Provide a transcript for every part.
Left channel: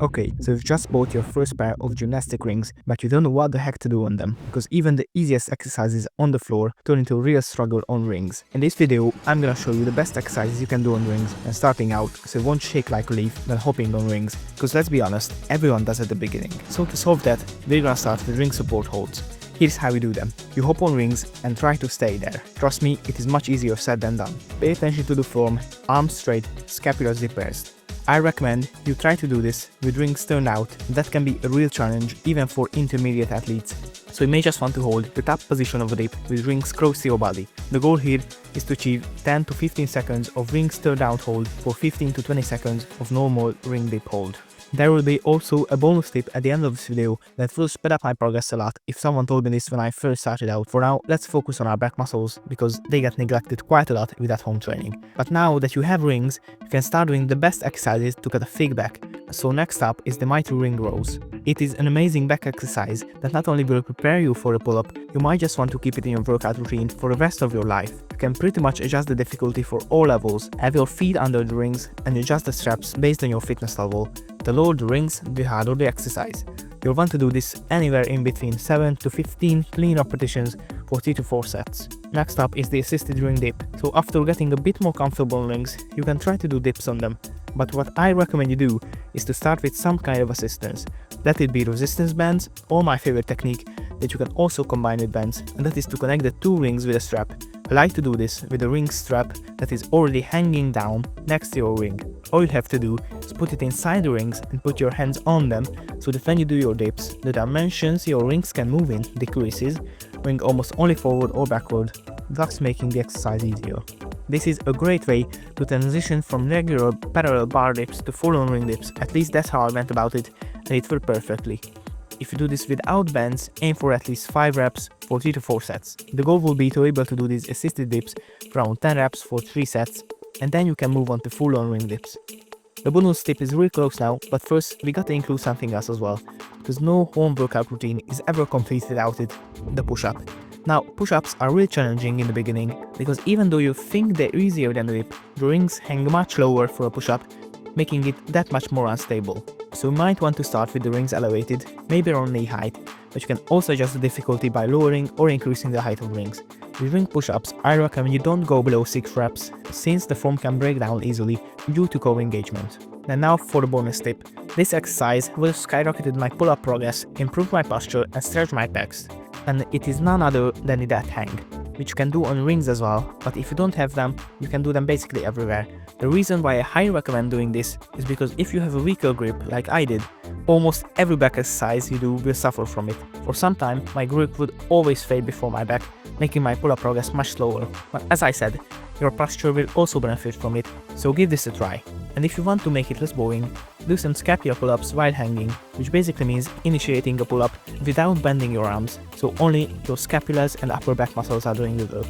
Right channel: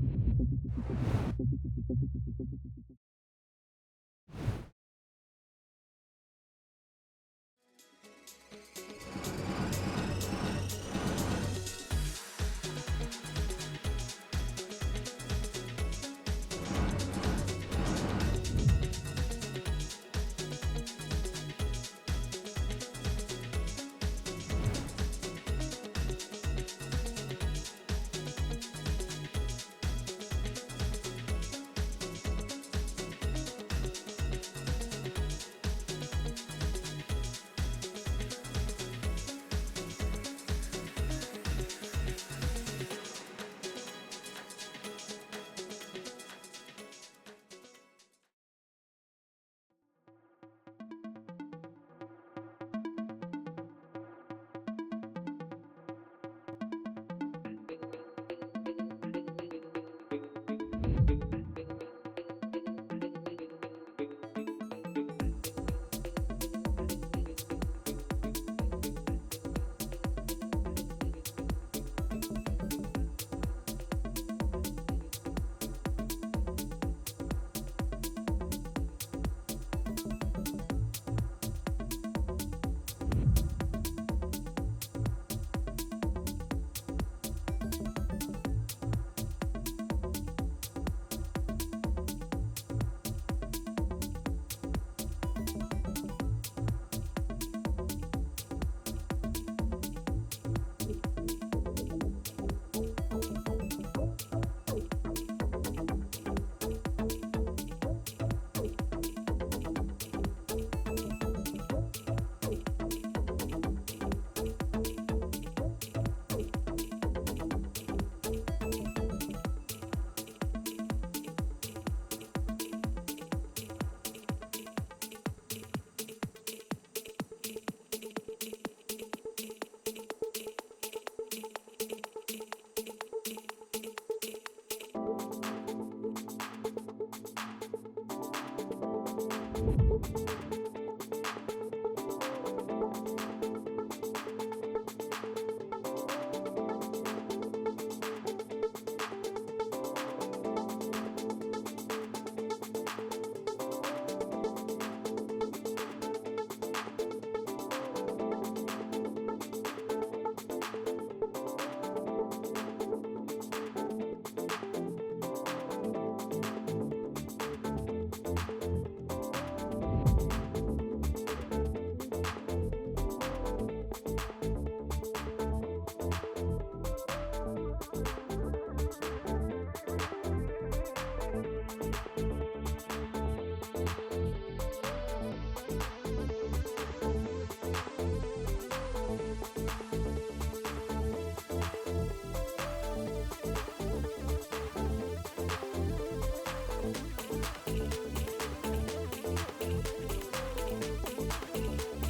Okay, so you've just bought your first pair of gymnastic rings, but you don't know what the heck to do on them, because even the easiest exercises on the floor turn into a real struggle on rings. In this video, I'm gonna show you the best exercises you can do on rings, and starting out, so it won't shake like a leaf when hopping on rings, because let's be honest, everyone does at the beginning. So to solve that, we're gonna start with ring support holds. Here's how we do them. You hop on rings and try to stay there. Trust me, it is much easier said than done. Pay attention to the form, arms straight, scapulas depressed. I recommend you try to do this with rings turned out. That can be a real challenge even for intermediate athletes. So you may just want to hold the top position of the dip with rings close to your body. The goal here is to achieve 10 to 15 seconds of rings turned out hold for 15 to 20 seconds of normal ring dip hold. There will be also a bonus tip at the end of this video that will speed up my progress a lot if someone told me this when I first started out. For now, let's focus on our back muscles because they get neglected quite a lot with at home training. But now that you have rings, you can start doing the best exercises to get a fake back. So next up is the mighty ring rows. It is an amazing back exercise that not only will prepare you for a pull-up, you might just want to keep it in your workout routine for the rest of your life. You can pretty much adjust the difficulty for all levels, have your feet under the rings and adjust the straps based on your fitness level. The lower the rings, the harder the exercise. You'll want to do this anywhere in between 7 to 15 clean repetitions for 3 to 4 sets. Next up is the assisted ring dip. So after getting a bit more comfortable on rings, you can try to do dips on them. But what I recommend you do is to start with some kind of assistance. That would be resistance bands, or my favorite technique that you can also combine with bands, and that is to connect the two rings with a strap. I like to do this with a ring strap that is already hanging down next to your ring. All you have to do is put it inside the rings and put your hands on them so that when you do your dips, the dimensions your rings can move in decreases, going almost only forward or backward, thus making the exercise easier. This is a great way to transition from regular parallel bar dips to full-on ring dips. At least that's how I went about it, and it worked perfectly. If you do this without bands, aim for at least 5 reps for 3 to 4 sets. The goal will be to be able to do these assisted dips for around 10 reps for 3 sets, and then you can move on to full-on ring dips. The bonus tip is real close now, but first we gotta include something else as well, because no home workout routine is ever complete without it, the push-up. Now, push-ups are really challenging in the beginning, because even though you think they're easier than the dip, the rings hang much lower for a push-up, making it that much more unstable. So you might want to start with the rings elevated, maybe around knee height, but you can also adjust the difficulty by lowering or increasing the height of rings. With ring push-ups, I recommend you don't go below 6 reps, since the foam can break down easily due to core engagement. And now for the bonus tip. This exercise will skyrocket my pull-up progress, improve my posture and stretch my pecs. And it is none other than the dead hang, which you can do on rings as well, but if you don't have them, you can do them basically everywhere. The reason why I highly recommend doing this is because if you have a weaker grip like I did, almost every back exercise you do will suffer from it. For some time, my grip would always fade before my back, making my pull-up progress much slower. But as I said, your posture will also benefit from it, so give this a try. And if you want to make it less boring, do some scapular pull-ups while hanging, which basically means initiating a pull-up without bending your arms, so only your scapulas and upper back muscles are doing the work.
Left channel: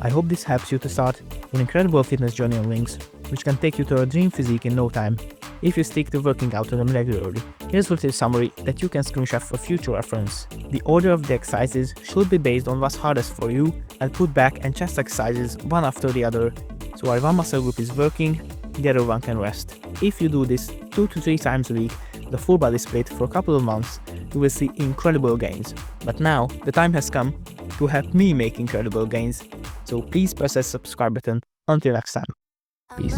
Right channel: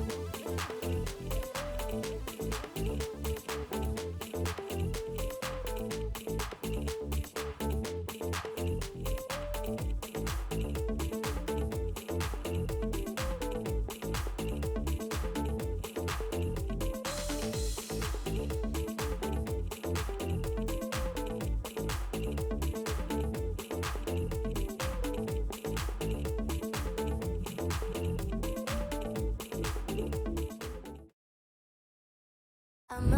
I hope this helps you to start an incredible fitness journey on rings, which can take you to a dream physique in no time, if you stick to working out on them regularly. Here's a little summary that you can screenshot for future reference. The order of the exercises should be based on what's hardest for you, and put back and chest exercises one after the other, so while one muscle group is working, the other one can rest. If you do this 2 to 3 times a week, the full body split for a couple of months, you will see incredible gains. But now, the time has come to help me make incredible gains, so please press that subscribe button. Until next time. Peace.